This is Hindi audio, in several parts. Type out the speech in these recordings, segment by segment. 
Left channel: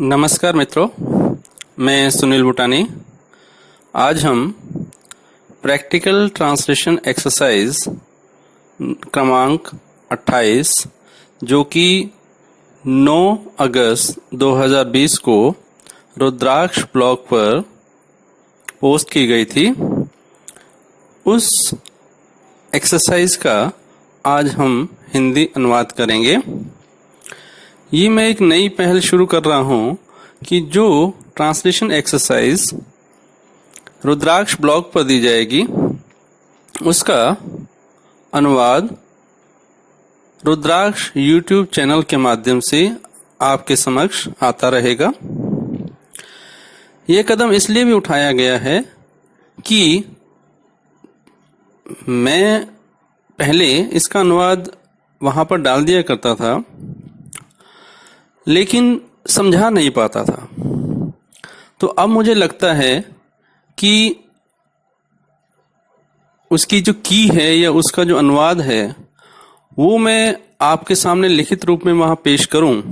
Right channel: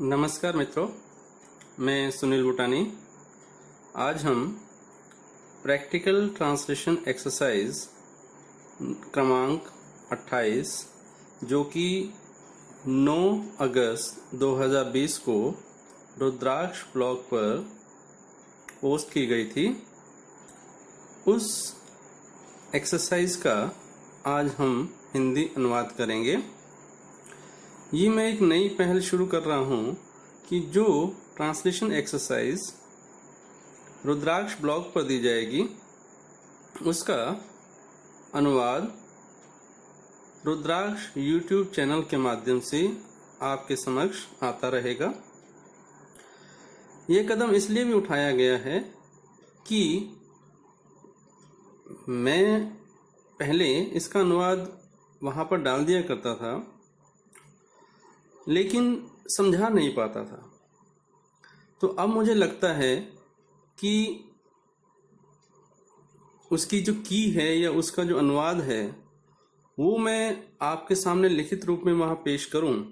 नमस्कार मित्रों, मैं सुनील बुटानी। आज हम प्रैक्टिकल ट्रांसलेशन एक्सरसाइज क्रमांक 28 जो कि 9 अगस्त 2020 को रुद्राक्ष ब्लॉग पर पोस्ट की गई थी, उस एक्सरसाइज का आज हम हिंदी अनुवाद करेंगे। ये मैं एक नई पहल शुरू कर रहा हूँ कि जो ट्रांसलेशन एक्सरसाइज रुद्राक्ष ब्लॉग पर दी जाएगी उसका अनुवाद रुद्राक्ष यूट्यूब चैनल के माध्यम से आपके समक्ष आता रहेगा। ये कदम इसलिए भी उठाया गया है कि मैं पहले इसका अनुवाद वहाँ पर डाल दिया करता था लेकिन समझा नहीं पाता था। तो अब मुझे लगता है कि उसकी जो की है या उसका जो अनुवाद है वो मैं आपके सामने लिखित रूप में वहाँ पेश करूं।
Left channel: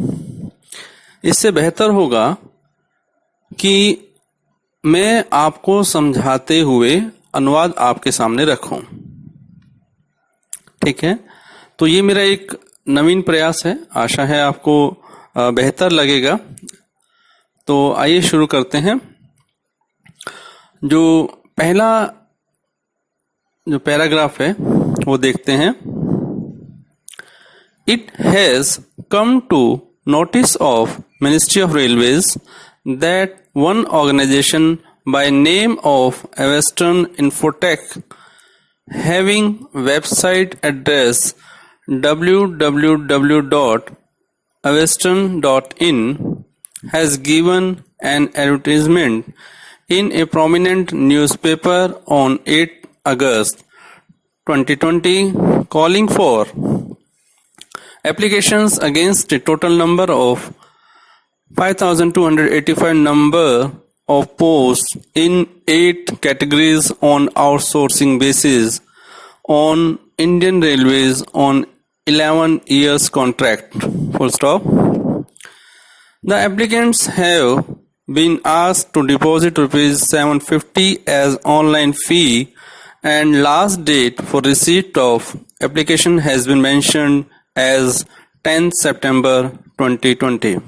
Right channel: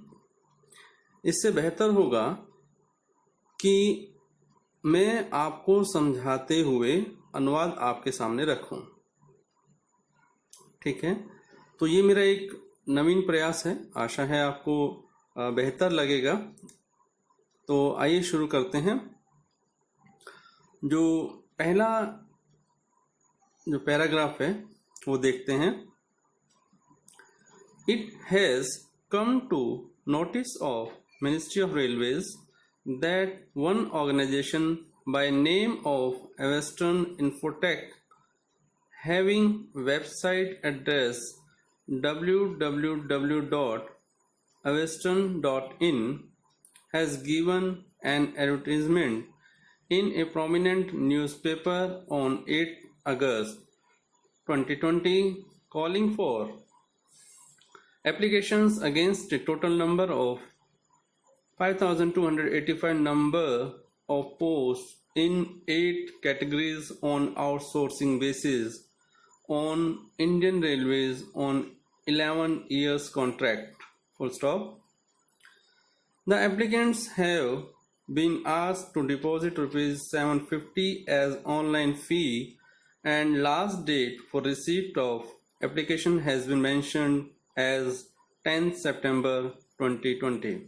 इससे बेहतर होगा कि मैं आपको समझाते हुए अनुवाद आपके सामने रखूं। ठीक है, तो ये मेरा एक नवीन प्रयास है, आशा है आपको बेहतर लगेगा। तो आइए शुरू करते हैं। जो पहला जो पैराग्राफ है वो देखते हैं। It has come to notice of ministry of railways that one organisation by name of Western Infotech having website address www.aveston.in has given an advertisement in a prominent newspaper on 8 August 2020 calling for applications against a total number of 5,285 number of posts in 8 categories on outsourcing basis on Indian Railways on 11 years contract, full stop. The applicants have been asked to deposit rupees 750 as online fee and last date for receipt of application has been mentioned as 10 September 2020.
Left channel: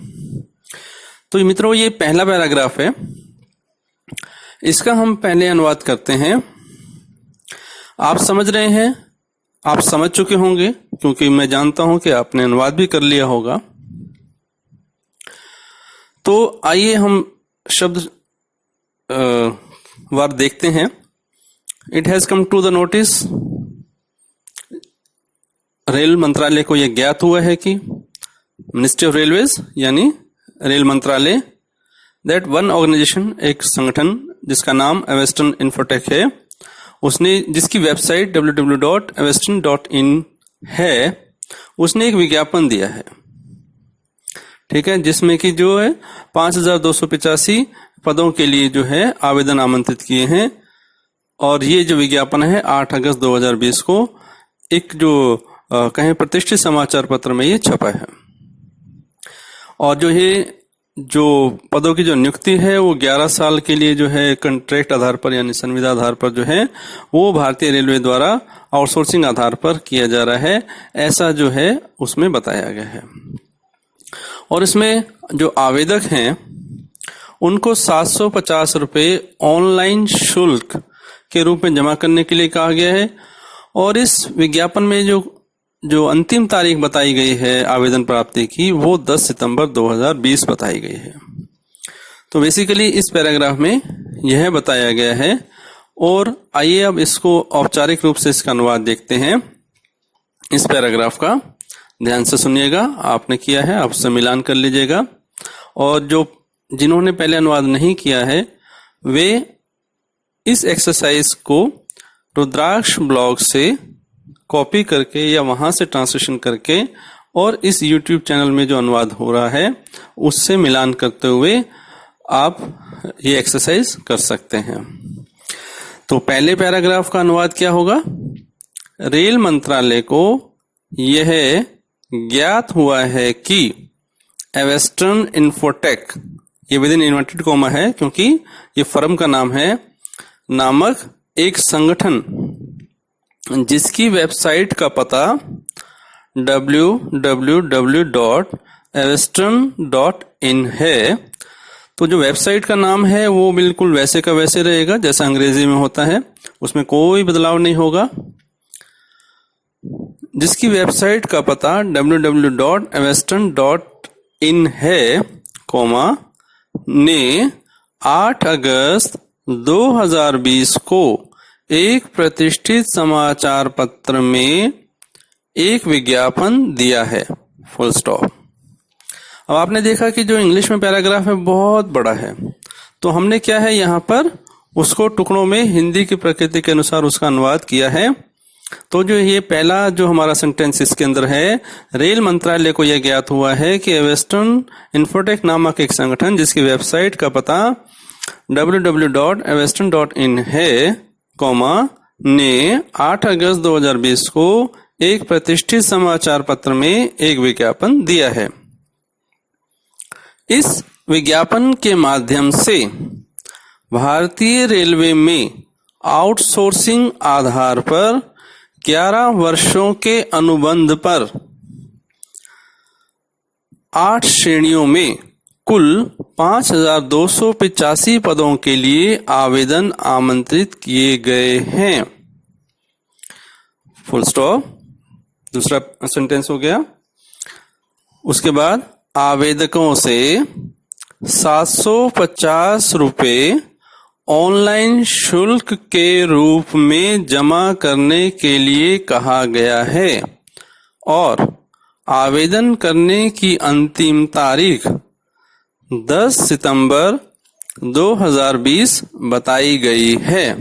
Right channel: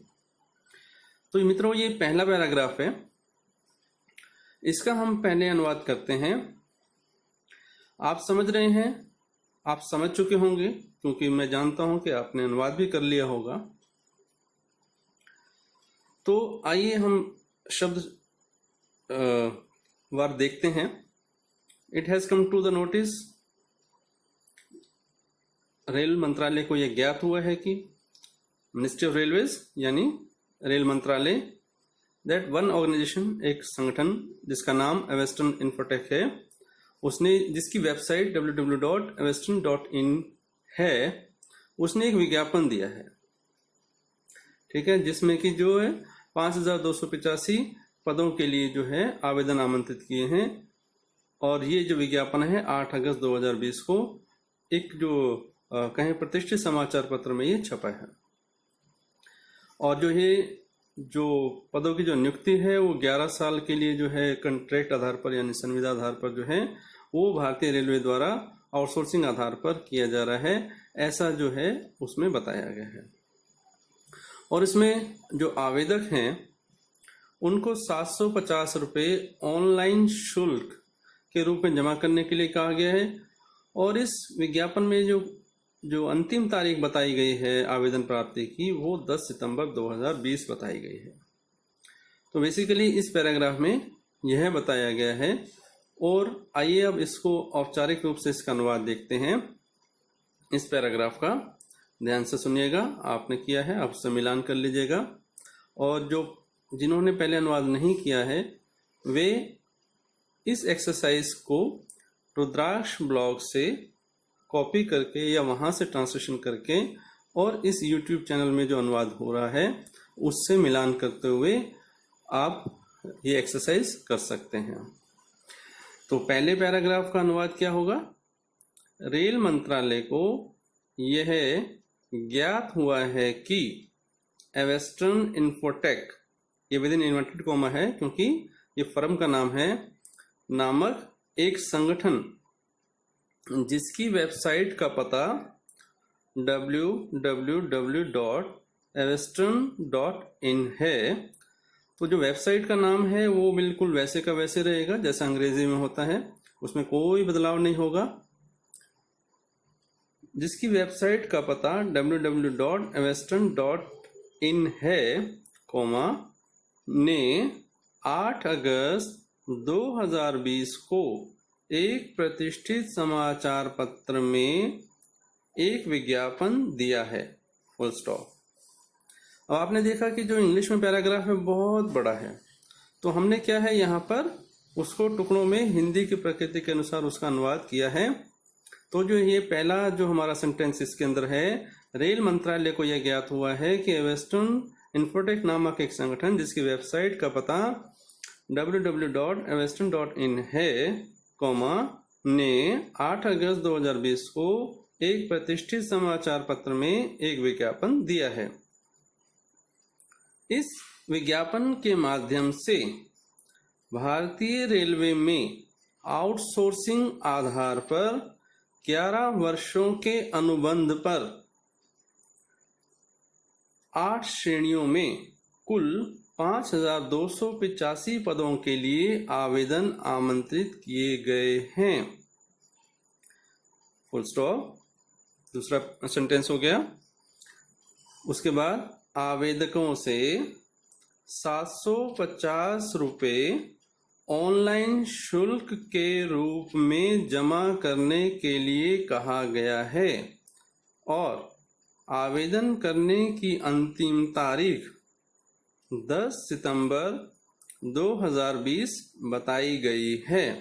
तो मित्रों, ये पहला पैराग्राफ है, इसका हम पहले अनुवाद करते हैं। आप समझ रहे हैं, आप समझ चुके होंगे क्योंकि मैं जानता हूं कि आपने अनुवाद भी कर लिया होगा। तो आइए हम शब्द वार देखते हैं। It has come to the notice, रेल मंत्रालय को यह ज्ञात हुआ है कि मिनिस्ट्री ऑफ रेलवेज यानी रेल मंत्रालय, दैट वन ऑर्गेनाइजेशन, एक संगठन जिसका नाम वेस्टर्न इन्फोटेक है, उसने जिसकी वेबसाइट www.aveston.in है, उसने एक विज्ञापन दिया है। ठीक है, जिसमें कि जो है 5,285 पदों के लिए जो है आवेदन आमंत्रित किए हैं। और ये जो विज्ञापन है 8 अगस्त 2020 को एक जो कहें प्रतिष्ठित समाचार पत्र में ये छपा है। और जो ये जो पदों की जो नियुक्ति है वो 11 साल के लिए जो है कॉन्ट्रैक्ट आधार पर यानी संविदा आधार पर जो है वो भारतीय रेलवे द्वारा आउटसोर्सिंग आधार पर किया जा रहा है, ऐसा जो है उसमें बताया गया है। और इसमें जो आवेदक हैं उनको 750 रुपये ऑनलाइन शुल्क के रूप में जमा करने के लिए कहा गया है। और इस विज्ञापन में जो अंतिम तारीख बताई गई है आवेदन प्राप्ति की वो 10 सितंबर 2020 बताई गई है। तो बेसिकली इस पैराग्राफ में यह बताया गया है। और आइए अब इसको औपचारिक रूप से इसका अनुवाद देखते हैं। इस पैराग्राफ का ध्यान से सुनिएगा, आपने किया है आप उससे मिलान कर लीजिएगा। और जो जिन्होंने पहले अनुवाद नहीं किया है वे इस एक्सरसाइज को रुद्राक्ष ब्लॉग से कॉपी करके या वहां से ट्रांसलेशन करके और इस YouTube चैनल में जो अनुवाद हो रहा है उससे मिलान करते हुए आप ये एक्सरसाइज कर सकते हैं। तो पहले पैराग्राफ का अनुवाद क्या होगा? रेल मंत्रालय को यह ज्ञात हुआ है कि वेस्टर्न इन्फोटेक ये विद इन इन्वर्टेड कॉमा है क्योंकि ये फर्म का नाम है, नामक एक संगठन जिसकी वेबसाइट का पता www.aveston.in है। तो जो वेबसाइट का नाम है वो बिल्कुल वैसे का वैसे रहेगा जैसा अंग्रेजी में होता है, उसमें कोई बदलाव नहीं होगा। जिसकी वेबसाइट का पता www.aveston.in है, ने 8 अगस्त 2020 को एक प्रतिष्ठित समाचार पत्र में एक विज्ञापन दिया है, फुल स्टॉप। अब आपने देखा कि जो इंग्लिश में पैराग्राफ है बहुत बड़ा है, तो हमने क्या है यहाँ पर उसको टुकड़ों में हिंदी की प्रकृति के अनुसार उसका अनुवाद किया है। तो जो ये पहला जो हमारा सेंटेंस इसके अंदर है, रेल मंत्रालय को यह ज्ञात हुआ है कि एवेस्टन इन्फोटेक नामक एक संगठन जिसकी वेबसाइट का पता www.aveston.in है, ने 8 अगस्त 2020 को एक प्रतिष्ठित समाचार पत्र में एक विज्ञापन दिया है। इस विज्ञापन के माध्यम से भारतीय रेलवे में आउटसोर्सिंग आधार पर 11 वर्षों के अनुबंध पर 8 श्रेणियों में कुल 5,285 पदों के लिए आवेदन आमंत्रित किए गए हैं, फुल स्टॉप। दूसरा सेंटेंस हो गया। उसके बाद आवेदकों से 750 रुपये ऑनलाइन शुल्क के रूप में जमा करने के लिए कहा गया है और आवेदन करने की अंतिम तारीख 10 सितंबर 2020 बताई गई है।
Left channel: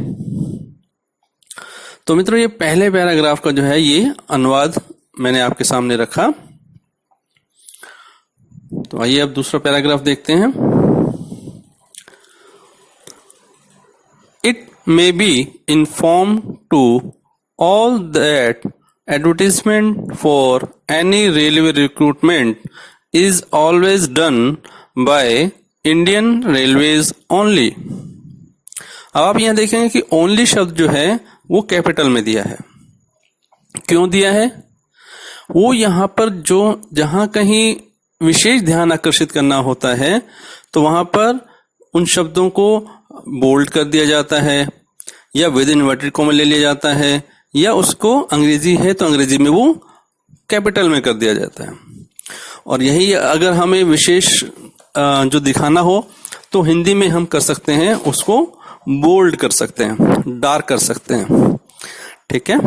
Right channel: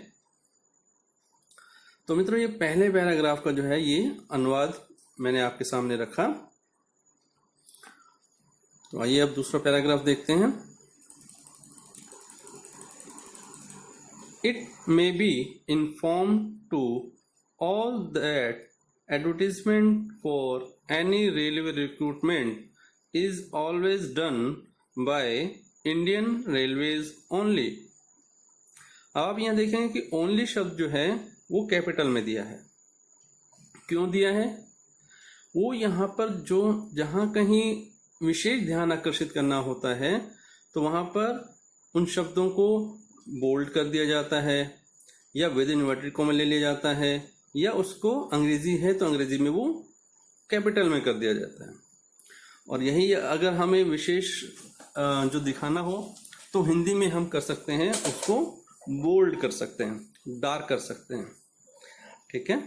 तो मित्रों, ये पहले पैराग्राफ का जो है ये अनुवाद मैंने आपके सामने रखा। तो आइए अब दूसरा पैराग्राफ देखते हैं। It may be informed to all that advertisement for any railway recruitment is always done by Indian Railways only। अब आप यहां देखेंगे कि ओनली शब्द जो है वो कैपिटल में दिया है। क्यों दिया है? वो यहां पर जो जहां कहीं विशेष ध्यान आकर्षित करना होता है तो वहां पर उन शब्दों को बोल्ड कर दिया जाता है या विद इन्वर्टेड कॉमा ले लिया जाता है, या उसको अंग्रेजी है तो अंग्रेजी में वो कैपिटल में कर दिया जाता है। और यही अगर हमें विशेष जो दिखाना हो तो हिंदी में हम कर सकते हैं, उसको बोल्ड कर सकते हैं, डार्क कर सकते हैं। ठीक है।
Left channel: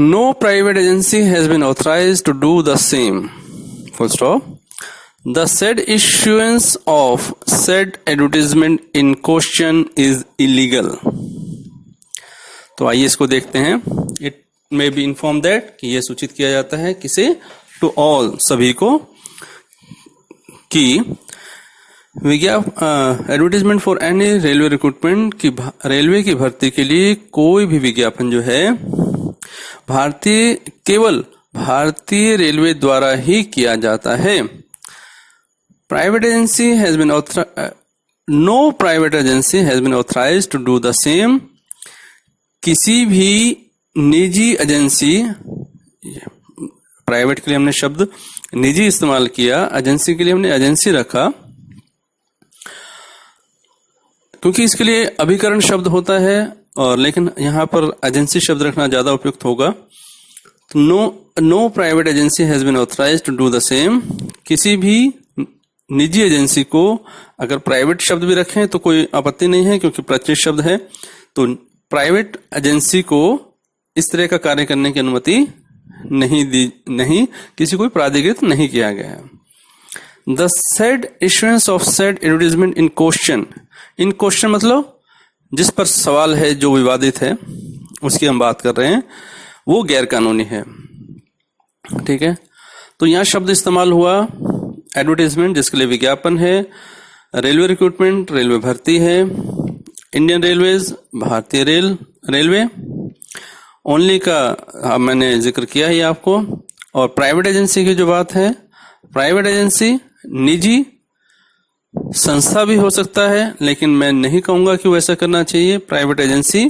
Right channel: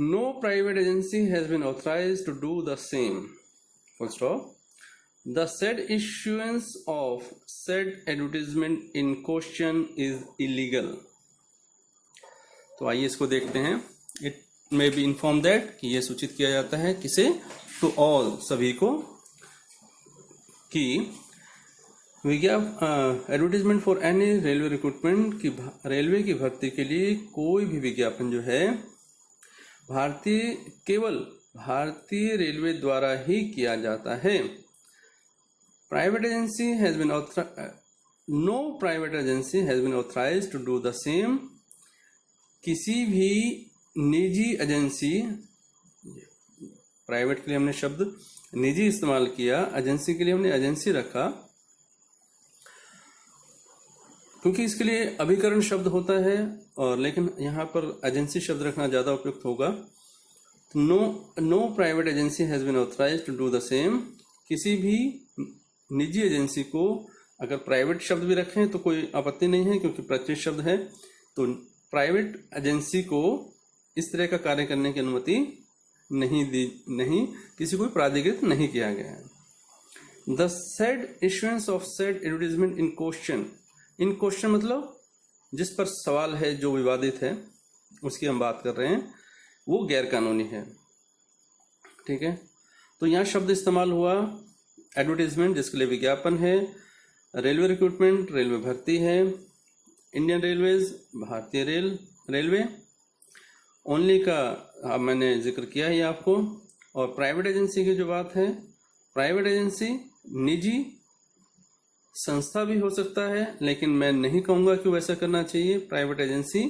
No private agency has been authorised to do the same, full stop. The said issuance of said advertisement in question is illegal। तो आइए इसको देखते हैं। It may be informed that कि यह सूचित किया जाता है किसे? To all, सभी को, कि advertisement for any railway recruitment की रेलवे की भर्ती के लिए कोई भी विज्ञापन जो है केवल भारतीय रेलवे द्वारा ही किया जाता है। Private agency has been no private agency has been authorized to do the same। किसी भी निजी एजेंसी, प्राइवेट के लिए हमने शब्द निजी इस्तेमाल किया, एजेंसी के लिए हमने एजेंसी रखा क्योंकि इसके लिए अभिकरण शब्द होता है, और लेकिन यहाँ पर एजेंसी शब्द रखना ज्यादा उपयुक्त होगा। तो no private agency has been authorised to do the same. किसी भी निजी एजेंसी को अगर प्राइवेट शब्द भी रखें तो कोई आपत्ति नहीं है क्योंकि प्रत्यय शब्द है। तो प्राइवेट एजेंसी को इस तरह का कार्य करने की अनुमति नहीं किसी को प्राधिकृत नहीं किया गया है। The said issuance of said advertisement in question. In question मतलब जिस पर सवाल है, जो विवादित है, उसकी हम बात कर रहे हैं, वो गैर कानूनी है। ठीक है। तो यहाँ शब्द इस्तेमाल हुआ एडवर्टाइजमेंट जिसके लिए विज्ञापन है, रेलवे रिक्रूटमेंट रेलवे भर्ती है, इंडियन रेलवेज भारतीय रेलवे, ओनली का मैंने जिक्र किया ही आपको। और प्राइवेट एजेंसी की जो बात है, प्राइवेट एजेंसी निजी संस्था भी हो सकता है, लेकिन मैं नहीं कहूंगा कि वो ऐसा करना चाहिए। प्राइवेट एजेंसी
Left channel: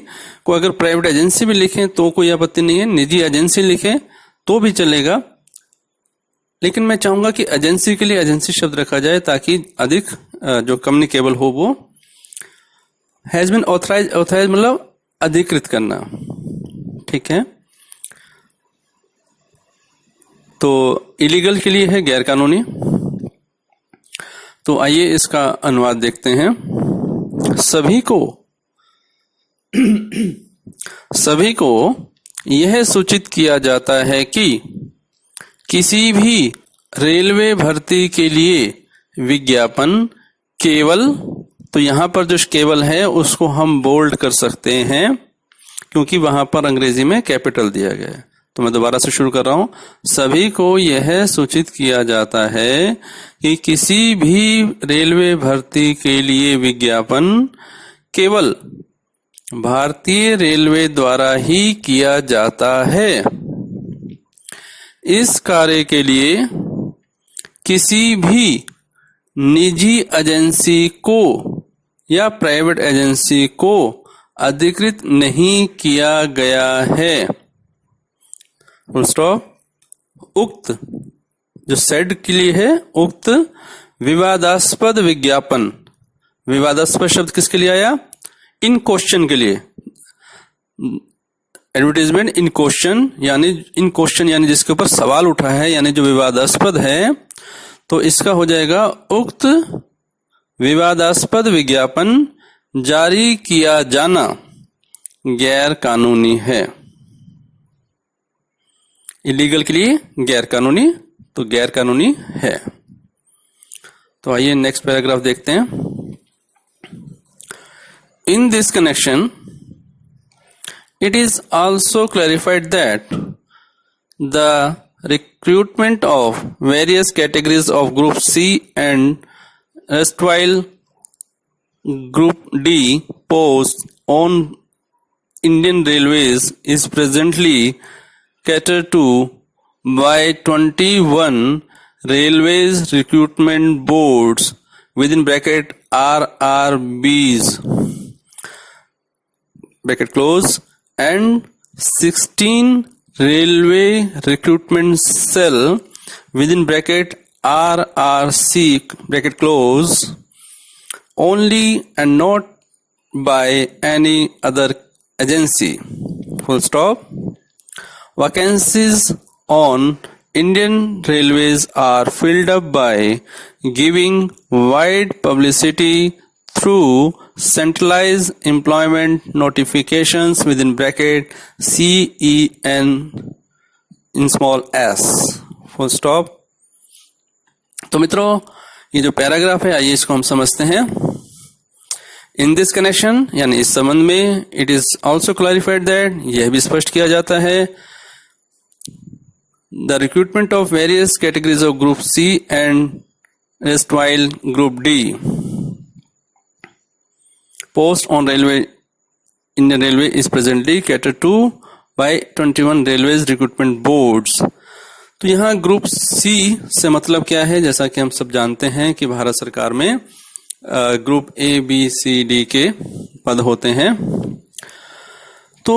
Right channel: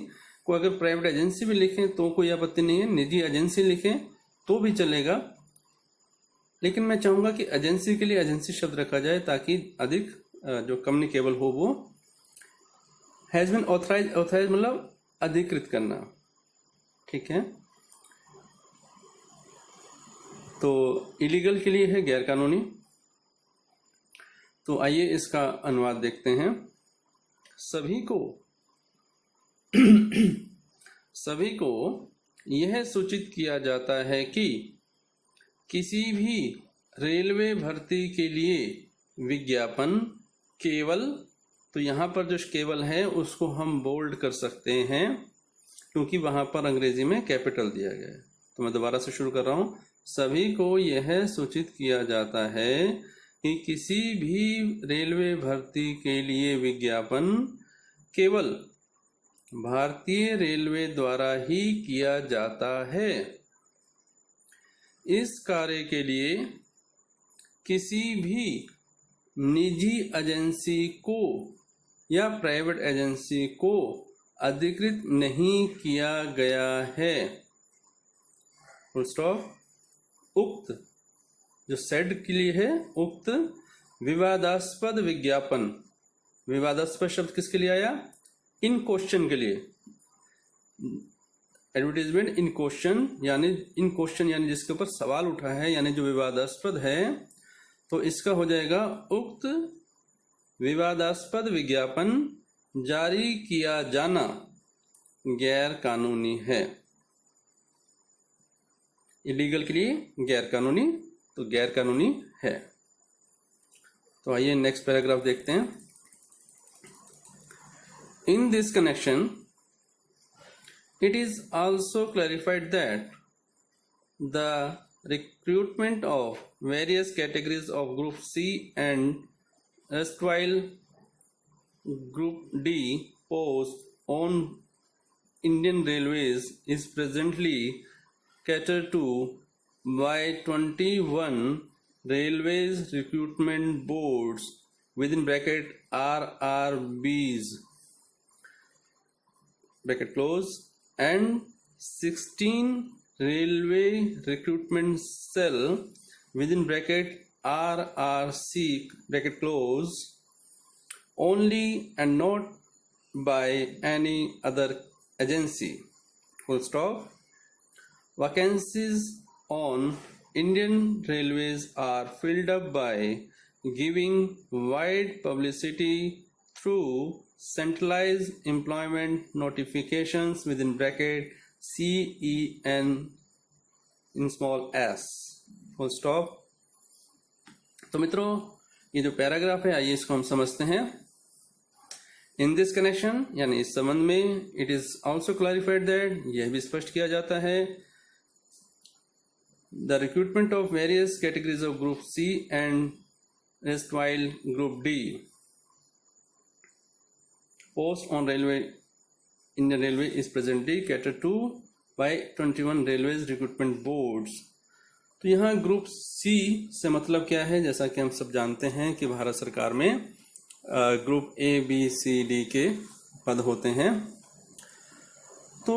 को अगर प्राइवेट एजेंसी भी लिखें तो कोई आपत्ति नहीं है, निजी एजेंसी लिखें तो भी चलेगा, लेकिन मैं चाहूंगा कि एजेंसी के लिए एजेंसी शब्द रखा जाए ताकि अधिक जो कम्युनिकेबल हो वो। हैज बीन ऑथराइज, ऑथराइज मतलब अधिकृत करना, ठीक है। तो इलीगल के लिए है गैर कानूनी। तो आइए इसका अनुवाद देखते हैं। सभी को यह सूचित किया जाता है कि किसी भी रेलवे भर्ती के लिए विज्ञापन केवल, तो यहां पर जो केवल है उसको हम बोल्ड कर सकते हैं क्योंकि वहां पर अंग्रेजी में कैपिटल दिया गया है। तो मैं दोबारा से शुरू कर रहा हूं। सभी को यह सूचित किया जाता है कि किसी भी रेलवे भर्ती के लिए विज्ञापन केवल भारतीय रेलवे द्वारा ही किया जाता है। इस कार्य के लिए किसी भी निजी एजेंसी को या प्राइवेट एजेंसी को अधिकृत नहीं किया गया है। Full stop. उक्त जो सेड के लिए है, उक्त विवादास्पद विज्ञापन, विवादास्पद शब्द किसके लिए आया? इन क्वेश्चन के लिए। एडवर्टीजमेंट इन क्वेश्चन यानी जिसके ऊपर सवाल उठा है, यानी जो विवादास्पद है, तो इसका हो जाएगा उक्त विवादास्पद विज्ञापन जारी किया जाना गैर कानूनी है। इलीगल के लिए गैर कानूनी, तो गैर कानूनी है। तो आइए नेक्स्ट पैराग्राफ देखते हैं। In this connection, it is also clarified that the recruitment of various categories of Group C and erstwhile Group D posts on Indian Railways is presently catered to by 21 Railways Recruitment Boards within bracket RRBs bracket close and 16 railway recruitment cell within bracket RRC bracket close only and not by any other agency. Full stop. Vacancies on Indian Railways are filled up by giving wide publicity through centralized employment notifications within bracket CEN in small s. Full stop. तो मित्रों, ये जो पैराग्राफ है आइए इसको हम समझते हैं। इन दिस कनेक्शन यानी इस संबंध में, it is also clarified that, यह भी स्पष्ट किया जाता है, the recruitment of various categories of group C and erstwhile Group D post on Indian Railway is presently catered to by 21 Railways Recruitment Boards. तो यहाँ ग्रुप सी से मतलब क्या है? जैसा कि हम सब जानते हैं कि भारत सरकार में group A B C D के पद होते हैं। तो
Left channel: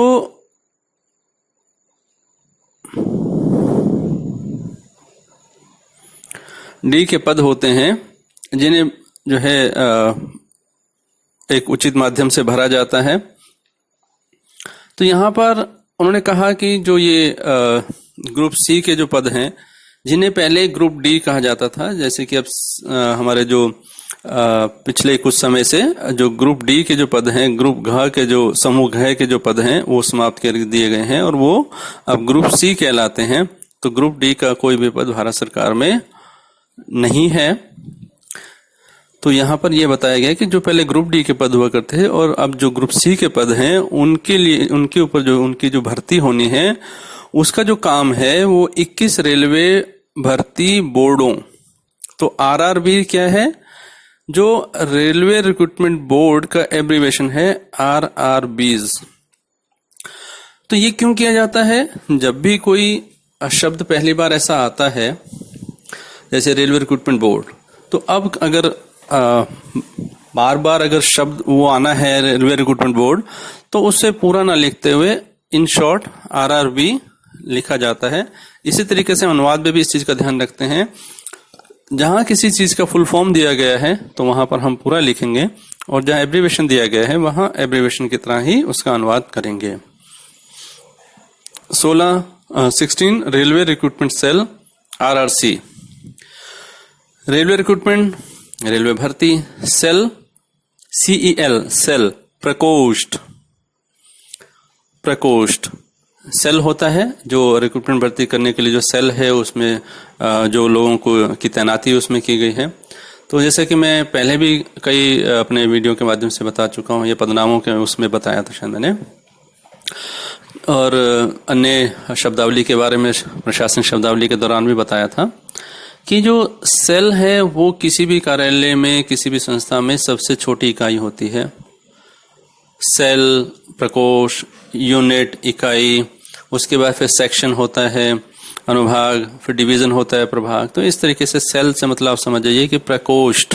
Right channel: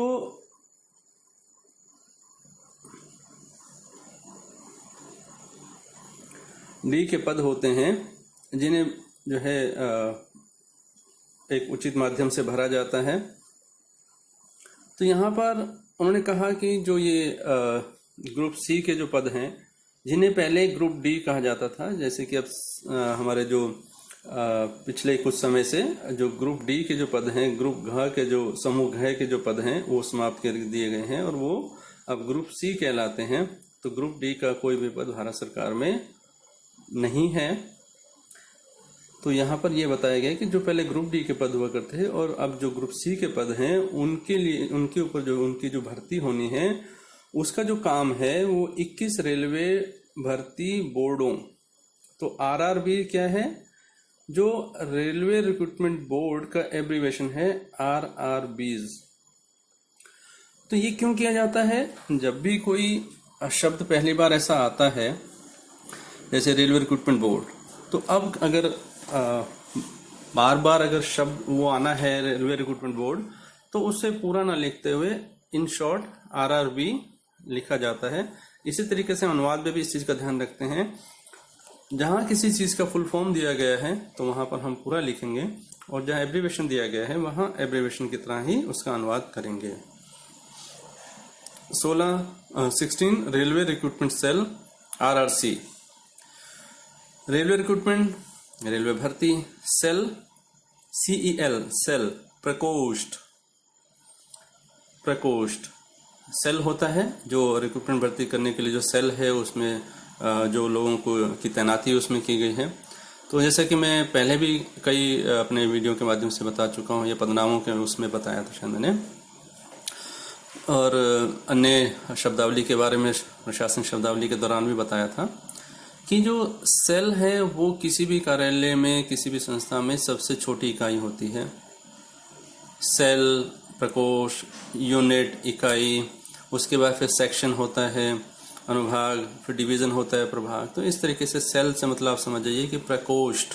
डी के पद होते हैं जिन्हें जो है एक उचित माध्यम से भरा जाता है। तो यहाँ पर उन्होंने कहा कि जो ये ग्रुप सी के जो पद हैं, जिन्हें पहले ग्रुप डी कहा जाता था, जैसे कि अब हमारे जो पिछले कुछ समय से जो ग्रुप डी के जो पद हैं, ग्रुप घ के जो समूह घ के जो पद हैं वो समाप्त कर दिए गए हैं और वो अब ग्रुप सी कहलाते हैं। तो ग्रुप डी का कोई भी पद भारत सरकार में नहीं है। तो यहाँ पर यह बताया गया कि जो पहले ग्रुप डी के पद हुआ करते हैं और अब जो ग्रुप सी के पद हैं उनके लिए, उनके ऊपर जो उनकी जो भर्ती होनी है उसका जो काम है वो 21 रेलवे भर्ती बोर्डों, तो आरआरबी क्या है? जो रेलवे रिक्रूटमेंट बोर्ड का एब्रीवेशन है आरआरबीज। तो ये क्यों किया जाता है? जब भी कोई शब्द पहली बार ऐसा आता है जैसे रेलवे रिक्रूटमेंट बोर्ड, तो अब अगर बार बार अगर शब्द वो आना है रेलवे रिक्रूटमेंट बोर्ड, तो उससे पूरा ना लिखते हुए इन शॉर्ट RRB लिखा जाता है। इसी तरीके से अनुवाद में भी इस चीज का ध्यान रखते हैं, जहां किसी चीज का फुल फॉर्म दिया गया है तो वहां पर हम पूरा लिखेंगे, और जहां एब्रीविएशन दिया गया है वहां एब्रीविएशन की तरह ही उसका अनुवाद करेंगे। 16 railway recruitment cell RRC। Railway recruitment, railway भर्ती, सेल CEL सेल, प्रकोष्ठ। प्रकोष्ठ सेल होता है जो रिक्रूटमेंट भर्ती करने के लिए जो सेल है उसमें जो लोगों को की तैनाती उसमें की गई है। तो जैसे कि मैं पहले भी कई अपने वीडियो के माध्यम से बता चुका हूँ, ये पदनामों के उसमें बताया था शायद मैंने, और अन्य शब्दावली के बारे में प्रशासनिक शब्दावली के दौरान भी बताया था कि जो सेल है वो किसी भी कार्यालय में, किसी भी संस्था में सबसे छोटी इकाई होती है। सेल, प्रकोष्ठ, यूनिट, इकाई, उसके बाद फिर सेक्शन होता है, अनुभाग, फिर डिवीजन होता है, प्रभाग। तो इस तरीके से सेल से मतलब आप समझ जाइए कि प्रकोष्ठ,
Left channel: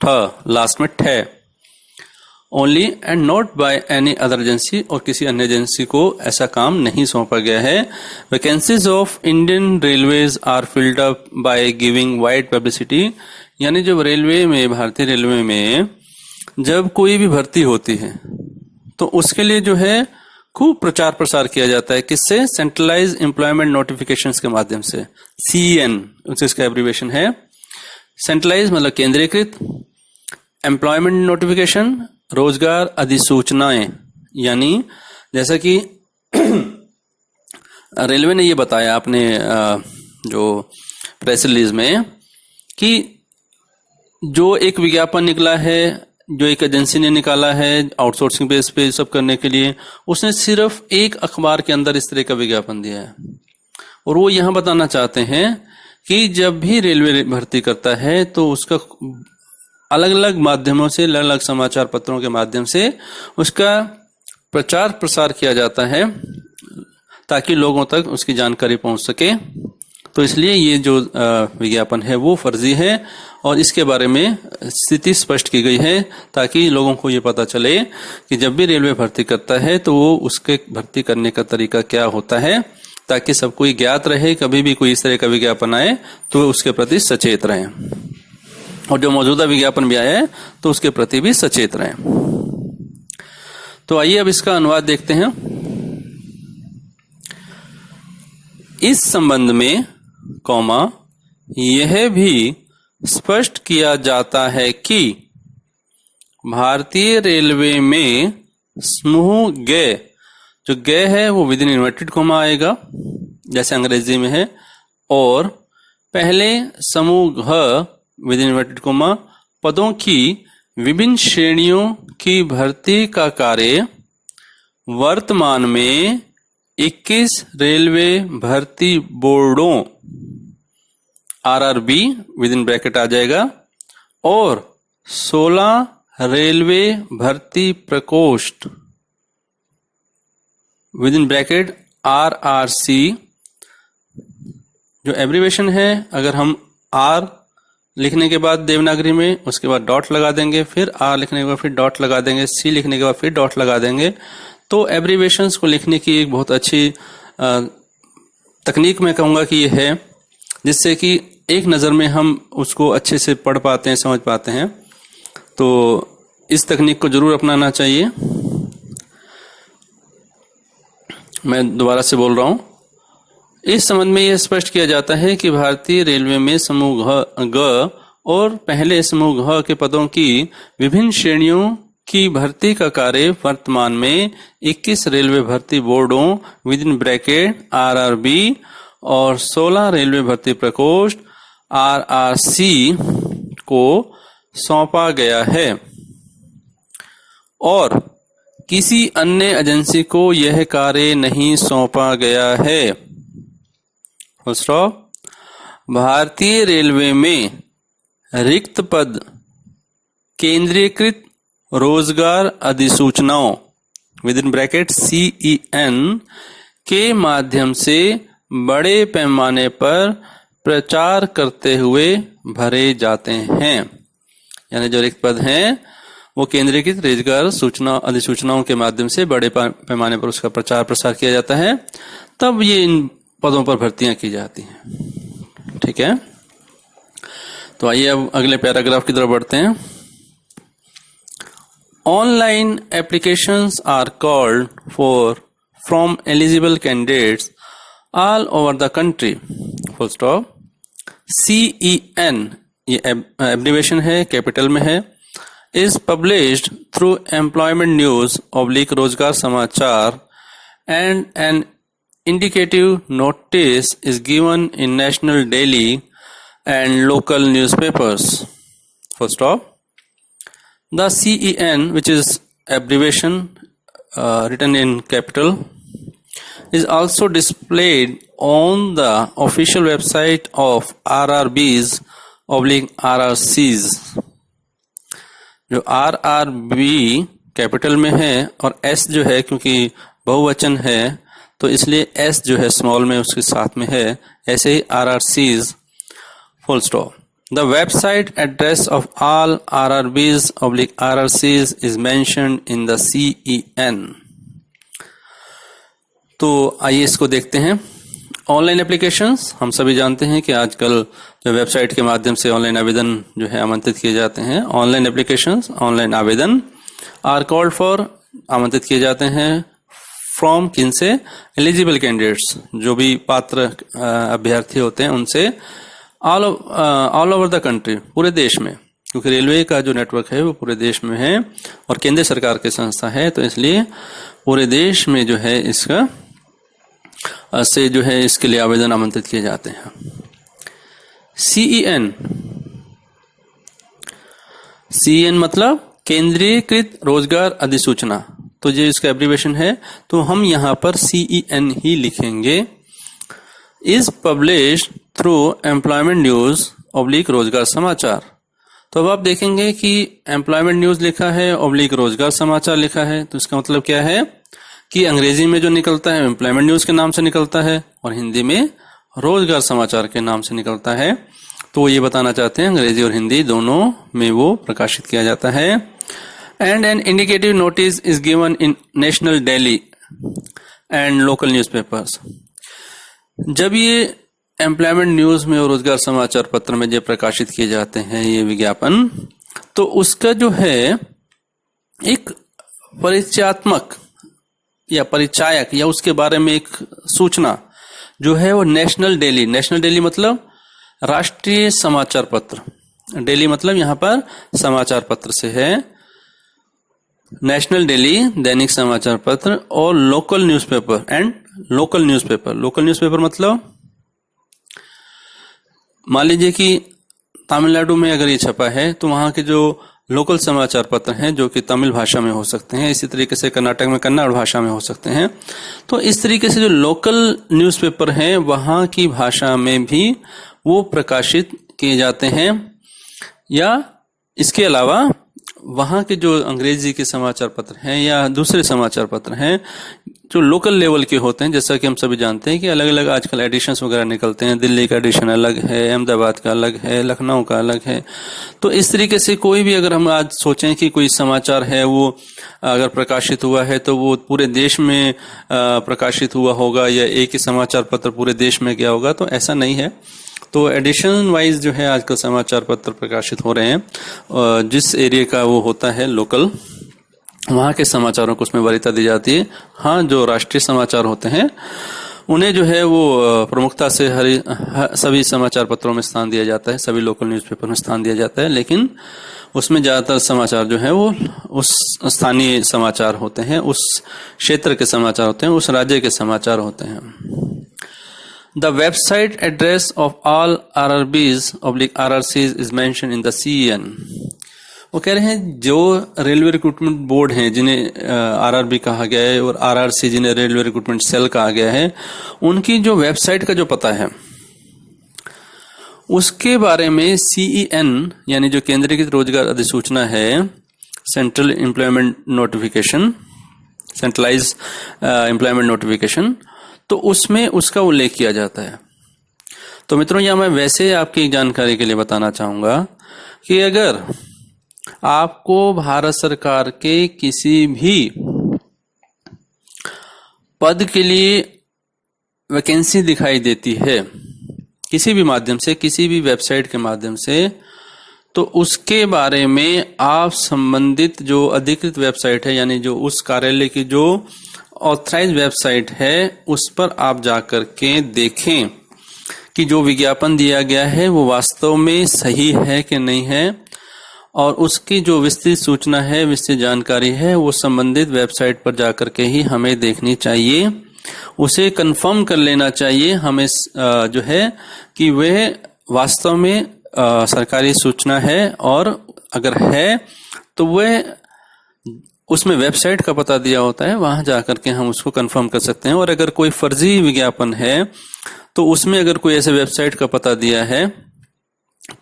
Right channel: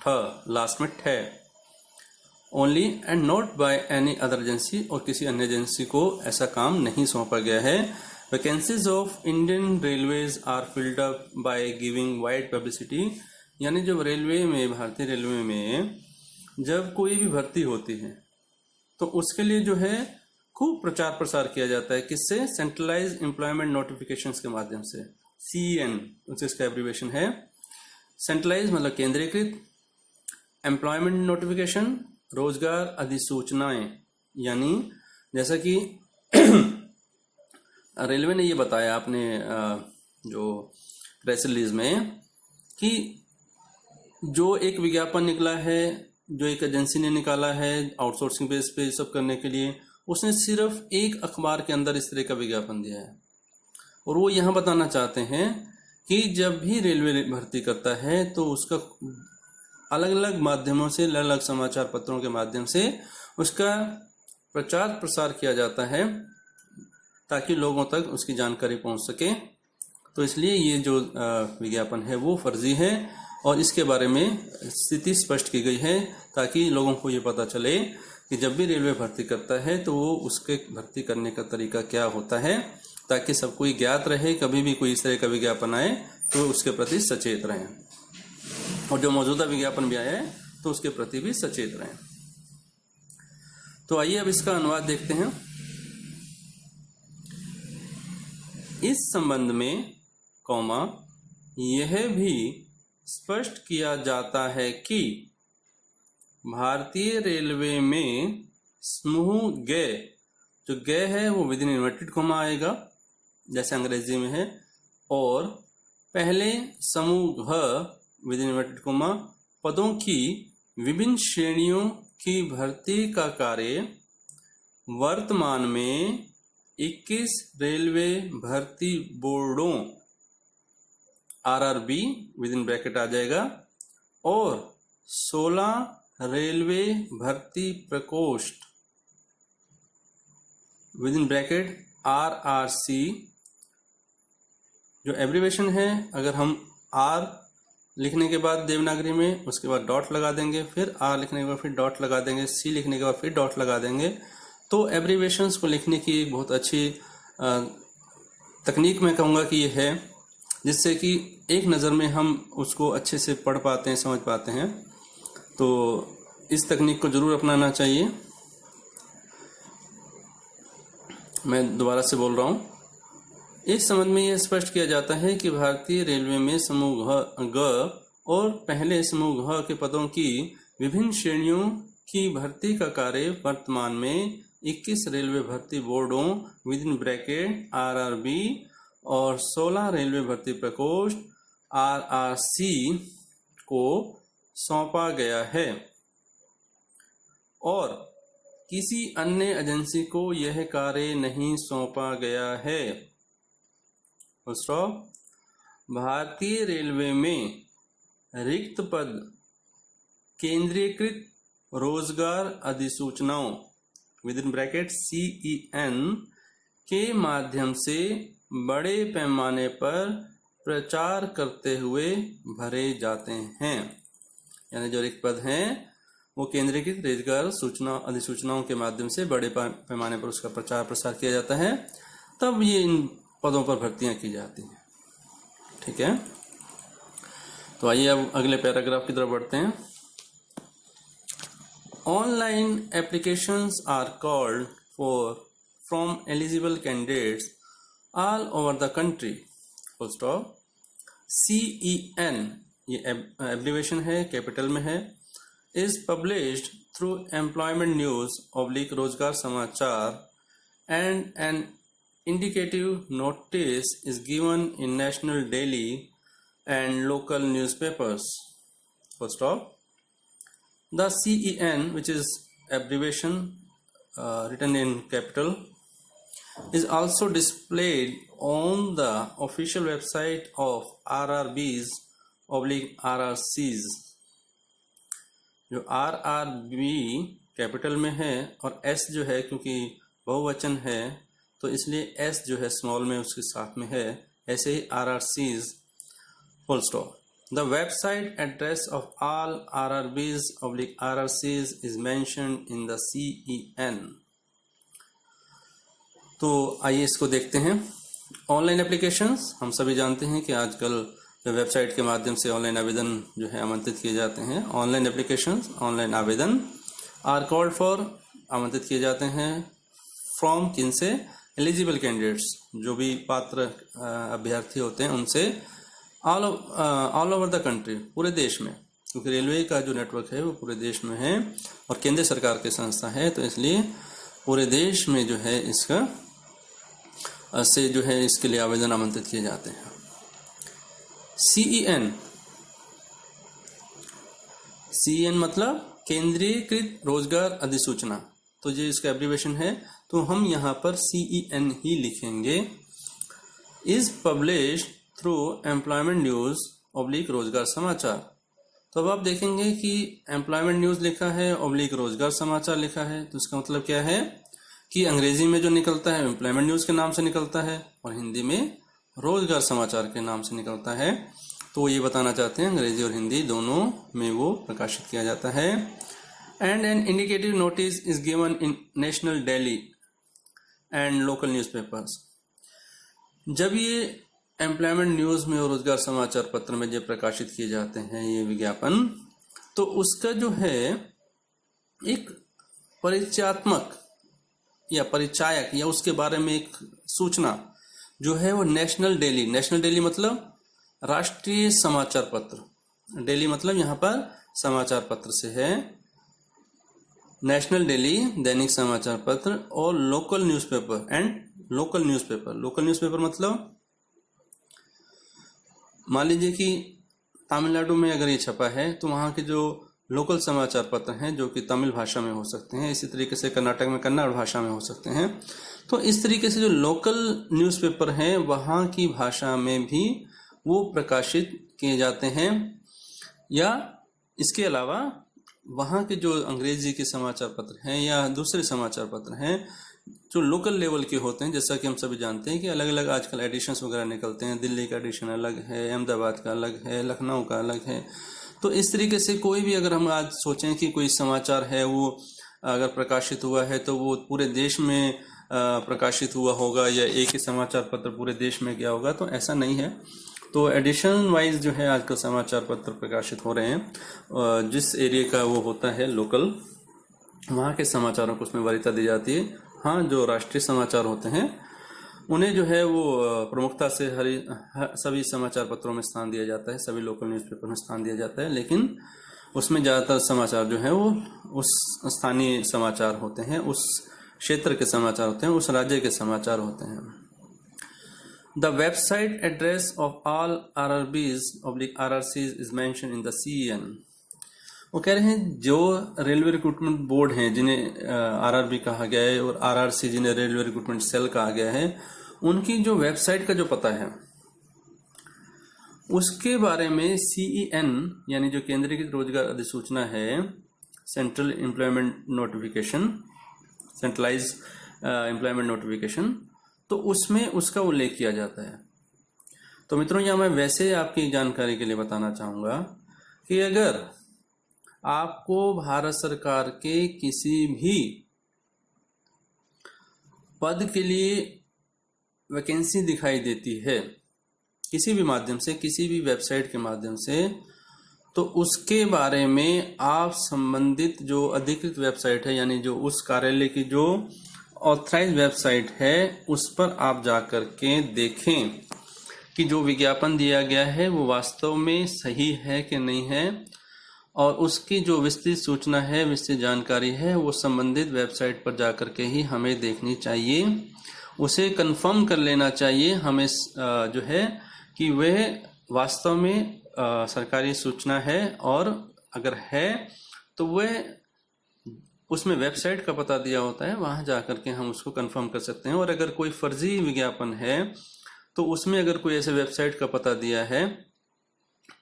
ठ लास्ट में ठ, only and not by any other agency, और किसी अन्य एजेंसी को ऐसा काम नहीं सौंपा गया है। Vacancies of Indian railways are filled up by giving wide publicity, यानी जब रेलवे में, भारतीय रेलवे में जब कोई भी भर्ती होती है तो उसके लिए जो है खूब प्रचार प्रसार किया जाता है। किससे? सेंट्रलाइज एम्प्लॉयमेंट नोटिफिकेशंस के माध्यम से, CEN उसका एब्रीविएशन है। सेंट्रलाइज मतलब केंद्रीकृत, एम्प्लॉयमेंट नोटिफिकेशन रोजगार अधिसूचनाएं, यानी जैसा कि रेलवे ने ये बताया अपने जो प्रेस रिलीज में कि जो एक विज्ञापन निकला है, जो एक एजेंसी ने निकाला है आउटसोर्सिंग बेस पे सब करने के लिए, उसने सिर्फ एक अखबार के अंदर इस तरह का विज्ञापन दिया है। और वो यहाँ बताना चाहते हैं कि जब भी रेलवे भर्ती करता है तो उसका अलग अलग माध्यमों से, अलग अलग समाचार पत्रों के माध्यम से उसका प्रचार प्रसार किया जाता है ताकि लोगों तक उसकी जानकारी पहुंच सके। तो इसलिए ये जो विज्ञापन है वो फर्जी है, और इसके बारे में स्थिति स्पष्ट की गई है ताकि लोगों को ये पता चले कि जब भी रेलवे भर्ती करता है तो वो उसके भर्ती करने का तरीका क्या होता है, ताकि सबको ये ज्ञात रहे, कभी भी कोई इस तरह का विज्ञापन आए तो उसके प्रति सचेत रहें, और जो मौजूदा विज्ञापन भी आया है तो उसके प्रति भी सचेत रहें। तो आइए अब इसका अनुवाद देखते हैं। इस संबंध में यह भी स्पष्ट किया जाता है कि भारतीय रेलवे में समूह ग, जो ग है वो विद इन इन्वर्टेड कॉमा आएगा जैसे अंग्रेजी में है, और पहले समूह घ विद इन इन्वर्टेड कॉमा पदों की विभिन्न श्रेणियों की भर्ती का कार्य वर्तमान में 21 रेलवे भर्ती बोर्डों RRB विद इन ब्रैकेट आ जाएगा, और 16 रेलवे भर्ती प्रकोष्ठ विद इन ब्रैकेट RRC, जो एब्रीवेशन है, अगर हम R लिखने के बाद देवनागरी में, उसके बाद डॉट लगा देंगे, फिर R लिखने के बाद फिर डॉट लगा देंगे, C लिखने के बाद फिर डॉट लगा देंगे, तो एब्रीवेशंस को लिखने की एक बहुत अच्छी तकनीक मैं कहूँगा कि ये है, जिससे कि एक नज़र में हम उसको अच्छे से पढ़ पाते हैं, समझ पाते हैं। तो इस तकनीक को जरूर अपनाना चाहिए। मैं दोबारा से बोल रहा हूँ। इस संबंध में यह स्पष्ट किया जाता है कि भारतीय रेलवे में समूह ग और पहले समूह घ के पदों की विभिन्न श्रेणियों की भर्ती का कार्य वर्तमान में 21 रेलवे भर्ती बोर्डों विद इन ब्रैकेट RRB और 16 रेलवे भर्ती प्रकोष्ठ RRC को सौंपा गया है, और किसी अन्य एजेंसी को यह कार्य नहीं सौंपा गया है। भारतीय रेलवे में रिक्त पद केंद्रीकृत रोजगार अधिसूचनाओं विद इन ब्रैकेट CEN के माध्यम से बड़े पैमाने पर प्रचार करते हुए भरे जाते हैं। यानी जो रिक्त पद हैं वो केंद्रीकृत रोजगार सूचना अधिसूचनाओं के माध्यम से बड़े पैमाने पर उसका प्रचार प्रसार किया जाता है, तब ये इन पदों पर भर्तियां की जाती हैं। ठीक है, तो आइए अब अगले पैराग्राफ की तरफ बढ़ते हैं। Online applications are called for from eligible candidates all over the country, full stop. CEN ये एब्रिवेशन है, कैपिटल में है, is published through employment news / रोजगार समाचार and an indicative notice is given in national daily and local newspapers, full stop. The CEN, which is abbreviation written in capital, is also displayed on the official website of RRBs / RRCs. जो RRB कैपिटल में है और S जो है क्योंकि बहुवचन है तो इसलिए S जो है स्मॉल में उसके साथ में है, ऐसे ही RRCs, full stop. The website address of all RRBs / RRCs is mentioned in the CEN। तो आइए इसको देखते हैं। ऑनलाइन एप्लीकेशंस, हम सभी जानते हैं कि आजकल जो वेबसाइट के माध्यम से ऑनलाइन आवेदन जो है आमंत्रित किए जाते हैं, ऑनलाइन एप्लीकेशंस, ऑनलाइन आवेदन आर कॉल्ड फॉर, आमंत्रित किए जाते हैं फ्रॉम, किन से, एलिजिबल कैंडिडेट्स, जो भी पात्र अभ्यर्थी होते हैं उनसे, ऑल ओवर द कंट्री, पूरे देश में, क्योंकि रेलवे का जो नेटवर्क है वो पूरे देश में है और केंद्र सरकार की संस्था है, तो इसलिए पूरे देश में जो है इसका से जो है इसके लिए आवेदन आमंत्रित किए जाते हैं। CEN मतलब केंद्रीकृत रोजगार अधिसूचना, तो जो इसका एब्रिवेशन है तो हम यहाँ पर CEN ही लिखेंगे। Is published through employment news / रोजगार समाचार। तो अब आप देखेंगे कि एम्प्लॉयमेंट न्यूज लिखा है / रोजगार समाचार लिखा है, तो इसका मतलब क्या है कि अंग्रेजी में जो निकलता है एम्प्लॉयमेंट न्यूज के नाम से निकलता है और हिंदी में रोजगार समाचार के नाम से निकलता है। तो ये बताना चाहते हैं अंग्रेजी और हिंदी दोनों में वो प्रकाशित किया जाता है। And an indicative notice is given in national daily and local newspapers. जब ये एम्प्लॉयमेंट न्यूज में और रोजगार समाचार पत्र में जब प्रकाशित किए जाते हैं ये विज्ञापन, तो उसका जो है एक परिचयात्मक या परिचायक या उसके बारे में एक सूचना जो है वो नेशनल डेली मतलब राष्ट्रीय समाचार पत्र, डेली मतलब यहाँ पर समाचार पत्र से है, नेशनल डेली दैनिक समाचार पत्र, और local newspaper and local newspaper मतलब मान लीजिए कि तमिलनाडु में अगर ये छपा है तो वहाँ के जो लोकल समाचार पत्र हैं जो कि तमिल भाषा में हो सकते हैं, इसी तरीके से कर्नाटक में कन्नड़ भाषा में हो सकते हैं, तो इस तरीके से जो लोकल न्यूज़पेपर हैं वहाँ की भाषा में भी वो प्रकाशित किए जाते हैं। या इसके अलावा वहाँ के जो अंग्रेजी के समाचार पत्र हैं या दूसरे समाचार पत्र हैं जो लोकल लेवल के होते हैं, जैसा कि हम सभी जानते हैं कि अलग अलग आजकल एडिशंस वगैरह निकलते हैं, दिल्ली का एडिशन अलग है, अहमदाबाद का अलग है, लखनऊ का अलग है। तो इस तरीके से कोई भी अगर हम आज सोचें कि कोई समाचार है वो अगर प्रकाशित हुआ है तो वो पूरे देश में प्रकाशित हुआ होगा या एक ही समाचार पत्र पूरे देश में गया होगा, तो ऐसा नहीं है। तो एडिशन वाइज जो है आजकल समाचार पत्र प्रकाशित हो रहे हैं, जिस एरिया का वो होता है लोकल, वहाँ के समाचारों को उसमें वरीयता दी जाती है। हाँ, जो राष्ट्रीय समाचार होते हैं उन्हें जो है वो प्रमुखता से सभी समाचार पत्रों में स्थान दिया जाता है, सभी लोकल न्यूज़पेपर में स्थान दिया जाता है, लेकिन उसमें ज़्यादातर समाचार जो है वो उस स्थानीय समाचार होते हैं, उस क्षेत्र के समाचार होते हैं, उस राज्य के समाचार होते हैं। The website address of all RRBs / RRCs is mentioned in the CEN। वो कह रहे हैं जो रेलवे रिक्रूटमेंट बोर्ड हैं जिन्हें RRB कहा गया है और RRC जिन्हें रेलवे रिक्रूटमेंट सेल कहा गया है, उनकी जो वेबसाइट का जो पता है उसके बारे में CEN यानी जो केंद्रीकृत रोजगार अधिसूचना है, central employment notification, centralize employment notification, तो उसमें उसका उल्लेख किया जाता है। तो मित्रों, यह मैं वैसे आपकी जानकारी के लिए बताना चाहूँगा कि अगर आपको भारत सरकार के किसी भी पद के लिए वैकेंसी दिखाई देती है किसी भी माध्यम से, किसी भी वेबसाइट के माध्यम से, तो उसके बारे में आप संबंधित जो अधिकृत वेबसाइट है, यानी जो उस कार्यालय की जो ऑथराइज वेबसाइट है, उस पर आप जाकर के देखें कि जो विज्ञापन दिया गया है वो वास्तव में सही है कि नहीं है, और उसकी जो विस्तृत सूचना है, विस्तृत जानकारी है, वो संबंधित वेबसाइट पर जाकर के ही हमें देखनी चाहिए। उसे कंफर्म कर लेना चाहिए हमें जो है कि वह वास्तव में सरकारी सूचना है, और अगर है तो वह उसमें वेबसाइट का पता दिया होता है, वहां जाकर के हम उसको कंफर्म कर सकते हैं। और अगर कोई फर्जी विज्ञापन है तो उसमें अगर कोई ऐसे वेबसाइट का पता दिया है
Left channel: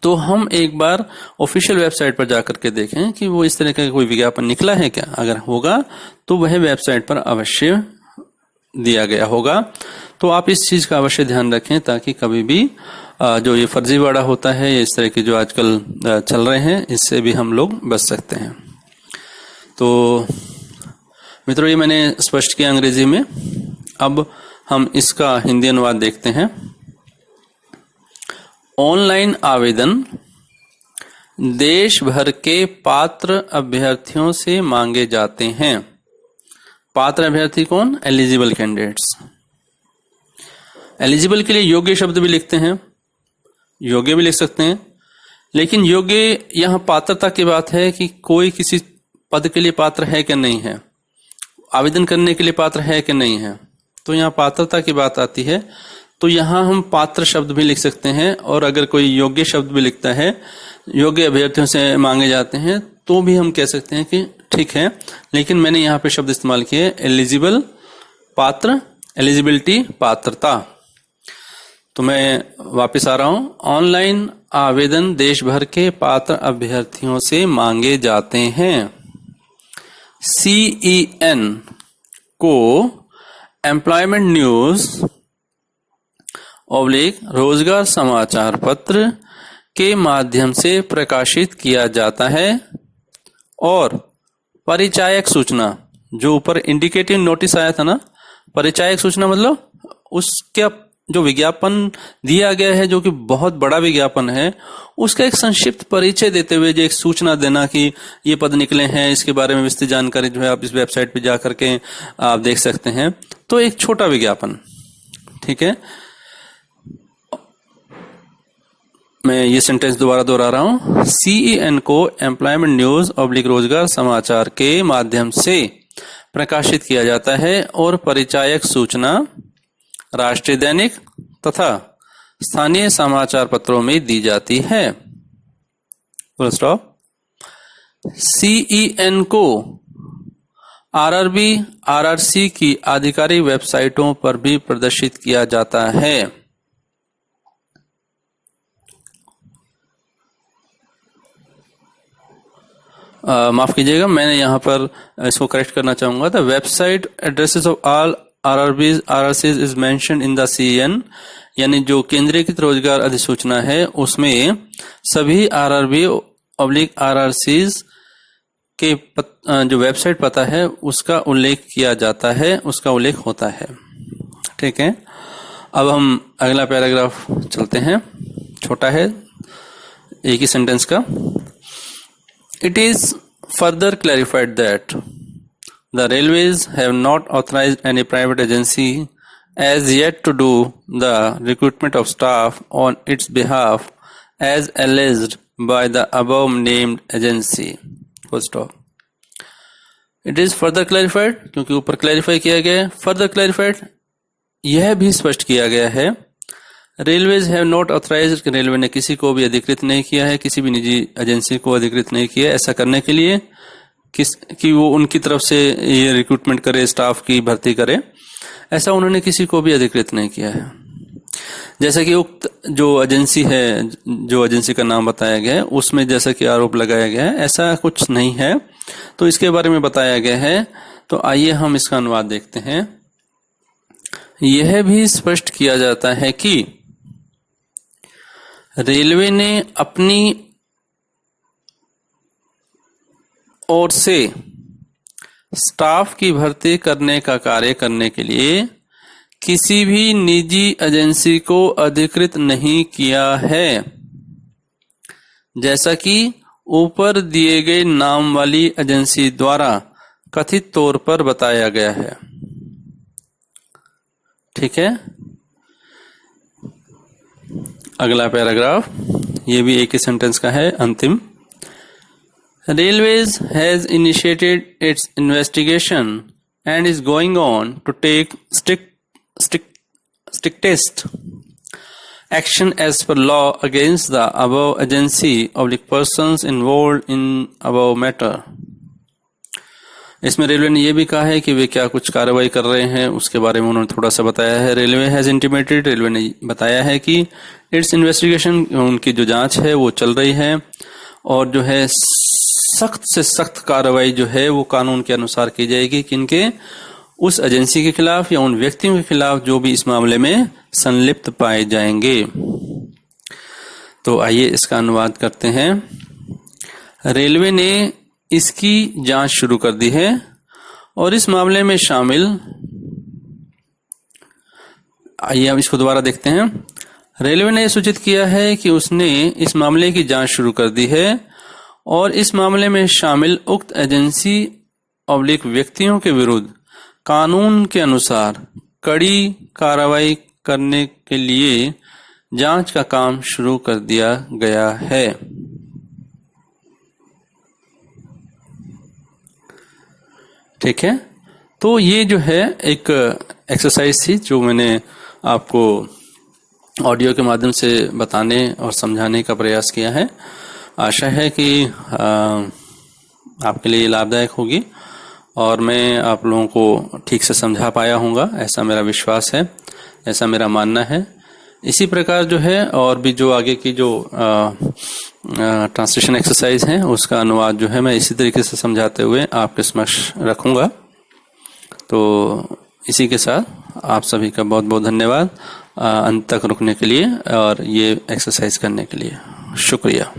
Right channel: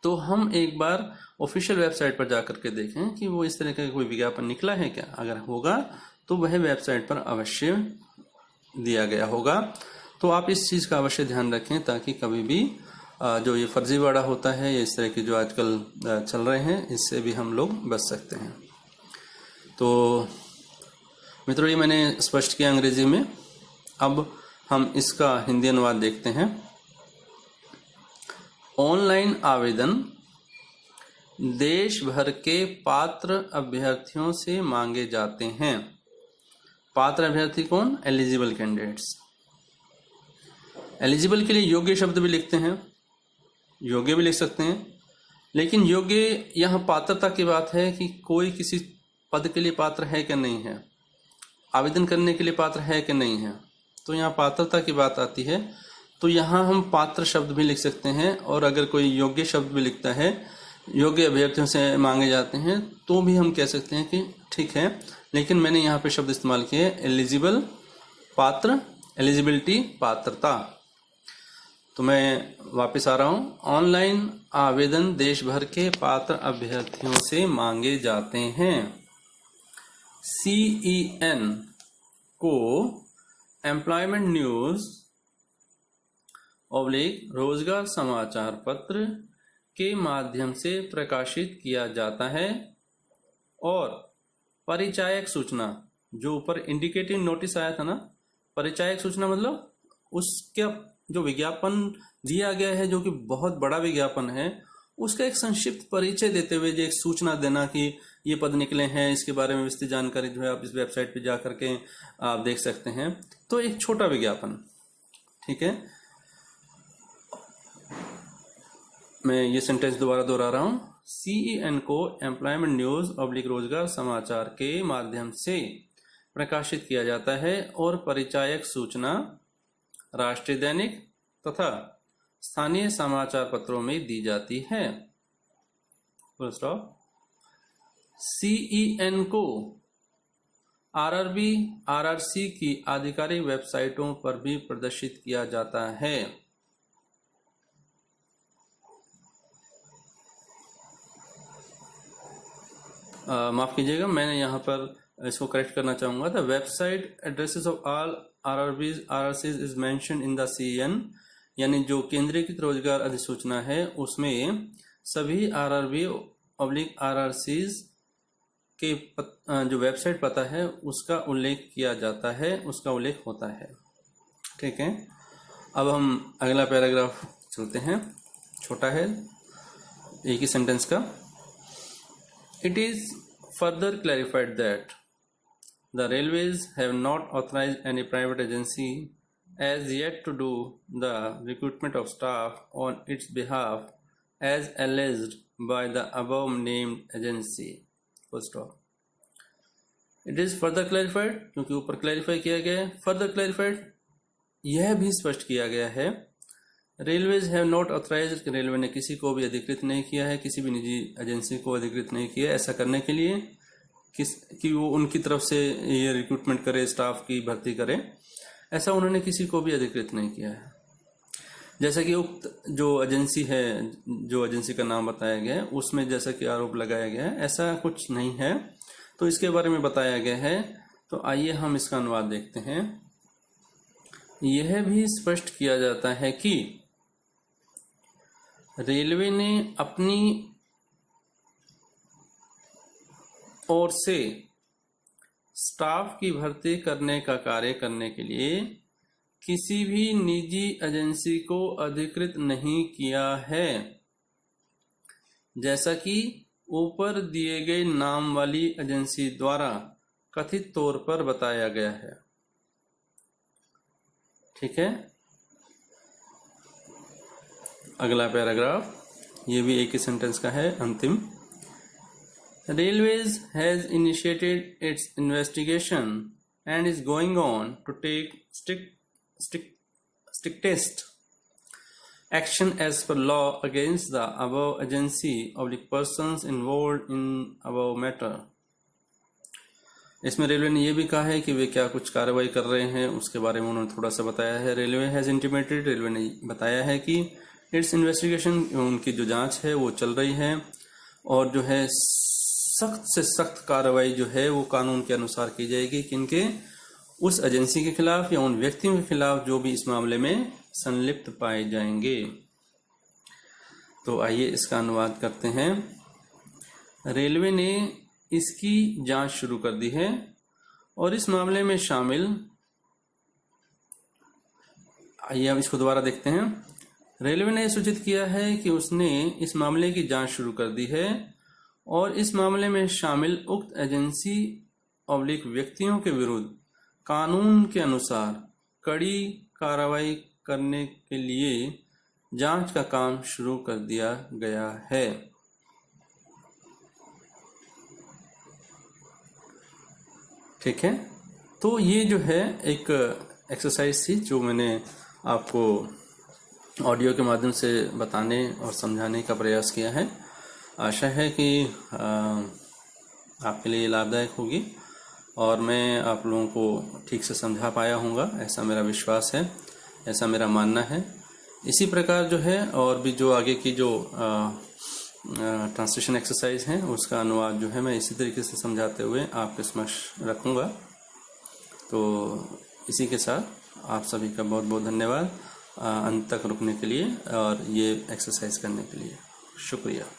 तो हम एक बार ऑफिशियल वेबसाइट पर जाकर के देखें कि वो इस तरह का कोई विज्ञापन निकला है क्या। अगर होगा तो वह वेबसाइट पर अवश्य दिया गया होगा। तो आप इस चीज का अवश्य ध्यान रखें ताकि कभी भी जो ये फर्जीवाड़ा होता है, इस तरह के जो आजकल चल रहे हैं, इससे भी हम लोग बच सकते हैं। तो मित्रों, ये मैंने स्पष्ट किया अंग्रेजी में। अब हम इसका हिंदी अनुवाद देखते हैं। ऑनलाइन आवेदन देश भर के पात्र अभ्यर्थियों से मांगे जाते हैं। पात्र अभ्यर्थी कौन? Eligible candidates. एलिजिबल के लिए योग्य शब्द भी लिखते हैं, योग्य भी लिख सकते हैं, लेकिन योग्य यहाँ पात्रता की बात है कि कोई किसी पद के लिए पात्र है कि नहीं है, आवेदन करने के लिए पात्र है कि नहीं है। तो यहाँ पात्रता की बात आती है, तो यहाँ हम पात्र शब्द भी लिख सकते हैं, और अगर कोई योग्य शब्द भी लिखता है, योग्य अभ्यर्थियों से मांगे जाते हैं, तो भी हम कह सकते हैं कि ठीक है। लेकिन मैंने यहाँ पे शब्द इस्तेमाल किए एलिजिबल, पात्र, एलिजिबिलिटी, पात्रता। तो मैं वापस आ रहा हूं। ऑनलाइन आवेदन देश भर के पात्र अभ्यर्थियों से मांगे जाते हैं। CEN को एम्प्लॉयमेंट न्यूज / रोजगार समाचार पत्र के माध्यम से प्रकाशित किया जाता है, और परिचायक सूचना, जो ऊपर इंडिकेटिव नोटिस आया था ना, परिचायक सूचना मतलब उसका जो विज्ञापन दिया गया है, जो कि बहुत बड़ा विज्ञापन है, उसका एक संक्षिप्त परिचय देते हुए जो एक सूचना देना कि ये पद निकले हैं, इसके बारे में विस्तृत जानकारी जो है आप इस वेबसाइट पे जा करके आप देख सकते हैं। तो एक छोटा विज्ञापन, ठीक है। मैं ये सेंटेंस दोबारा दोहरा रहा हूं। CEN को एम्प्लॉयमेंट न्यूज / रोजगार समाचार के माध्यम से प्रकाशित किया जाता है, और परिचायक सूचना राष्ट्रीय दैनिक तथा स्थानीय समाचार पत्रों में दी जाती है। Full stop. CEN को RRB, RRC की आधिकारिक वेबसाइटों पर भी प्रदर्शित किया जाता है। माफ कीजिएगा, मैंने यहाँ पर इसको करेक्ट करना चाहूंगा। The website addresses of all RRBs, RRCs is mentioned in the CEN, यानी जो केंद्रीकृत रोजगार अधिसूचना है उसमें सभी RRB / RRCs के जो वेबसाइट पता है उसका उल्लेख किया जाता है, उसका उल्लेख होता है। ठीक है। अब हम अगला पैराग्राफ चलते हैं, छोटा है, एक ही सेंटेंस का। It is further clarified that the railways have not authorized any private agency as yet to do the recruitment of staff on its behalf as alleged by the above named agency. Full stop. It is further clarified क्योंकि ऊपर क्लैरिफाई किया गया है। further clarified यह भी स्पष्ट किया गया है, railways have not authorised, railway ने किसी को भी अधिकृत नहीं किया है, किसी भी निजी एजेंसी को अधिकृत नहीं किया ऐसा करने के लिए कि वो उनकी तरफ से ये रिक्रूटमेंट करे, स्टाफ की भर्ती करे, ऐसा उन्होंने किसी को भी अधिकृत नहीं किया है। जैसा कि उक्त जो एजेंसी है, जो एजेंसी का नाम बताया गया है, उसमें जैसा कि आरोप लगाया गया है, ऐसा कुछ नहीं है। तो इसके बारे में बताया गया है। तो आइए हम इसका अनुवाद देखते हैं। यह भी स्पष्ट किया जाता है कि रेलवे ने अपनी ओर से स्टाफ की भर्ती करने का कार्य करने के लिए किसी भी निजी एजेंसी को अधिकृत नहीं किया है, जैसा कि ऊपर दिए गए नाम वाली एजेंसी द्वारा कथित तौर पर बताया गया है। ठीक है, अगला पैराग्राफ, ये भी एक ही सेंटेंस का है, अंतिम। Railways has initiated its investigation and is going on to take strictest action as per law against the above agency of the persons involved in above matter. इसमें रेलवे ने यह भी कहा है कि वे क्या कुछ कार्रवाई कर रहे हैं, उसके बारे में उन्होंने थोड़ा सा बताया है। रेलवे हैज इंटीमेटेड, रेलवे ने बताया है कि इट्स इन्वेस्टिगेशन, उनकी जो जांच है वो चल रही है, और जो है सख्त से सख्त कार्रवाई जो है वो कानून के अनुसार की जाएगी, किनके, उस एजेंसी के खिलाफ या उन व्यक्तियों के खिलाफ जो भी इस मामले में संलिप्त पाए जाएंगे। तो आइए इसका अनुवाद करते हैं। रेलवे ने इसकी जांच शुरू कर दी है और इस मामले में शामिल, आइए हम इसको दोबारा देखते हैं। रेलवे ने सूचित किया है कि उसने इस मामले की जांच शुरू कर दी है और इस मामले में शामिल उक्त एजेंसी ऑब्लिक व्यक्तियों के विरुद्ध कानून के अनुसार कड़ी कार्रवाई करने के लिए जांच का काम शुरू कर दिया गया है। ठीक है, तो ये जो है एक एक्सरसाइज थी जो मैंने आपको ऑडियो के माध्यम से बताने और समझाने का प्रयास किया है। आशा है कि आपके लिए लाभदायक होगी और मैं आप लोगों को ठीक से समझा पाया हूँगा, ऐसा मेरा विश्वास है, ऐसा मेरा मानना है। इसी प्रकार जो है और भी जो आगे की जो ट्रांसलेशन एक्सरसाइज है उसका अनुवाद जो है मैं इसी तरीके से समझाते हुए आपके समक्ष रखूँगा। तो इसी के साथ आप सभी का बहुत बहुत धन्यवाद अंत तक रुकने के लिए और ये एक्सरसाइज करने के लिए। शुक्रिया।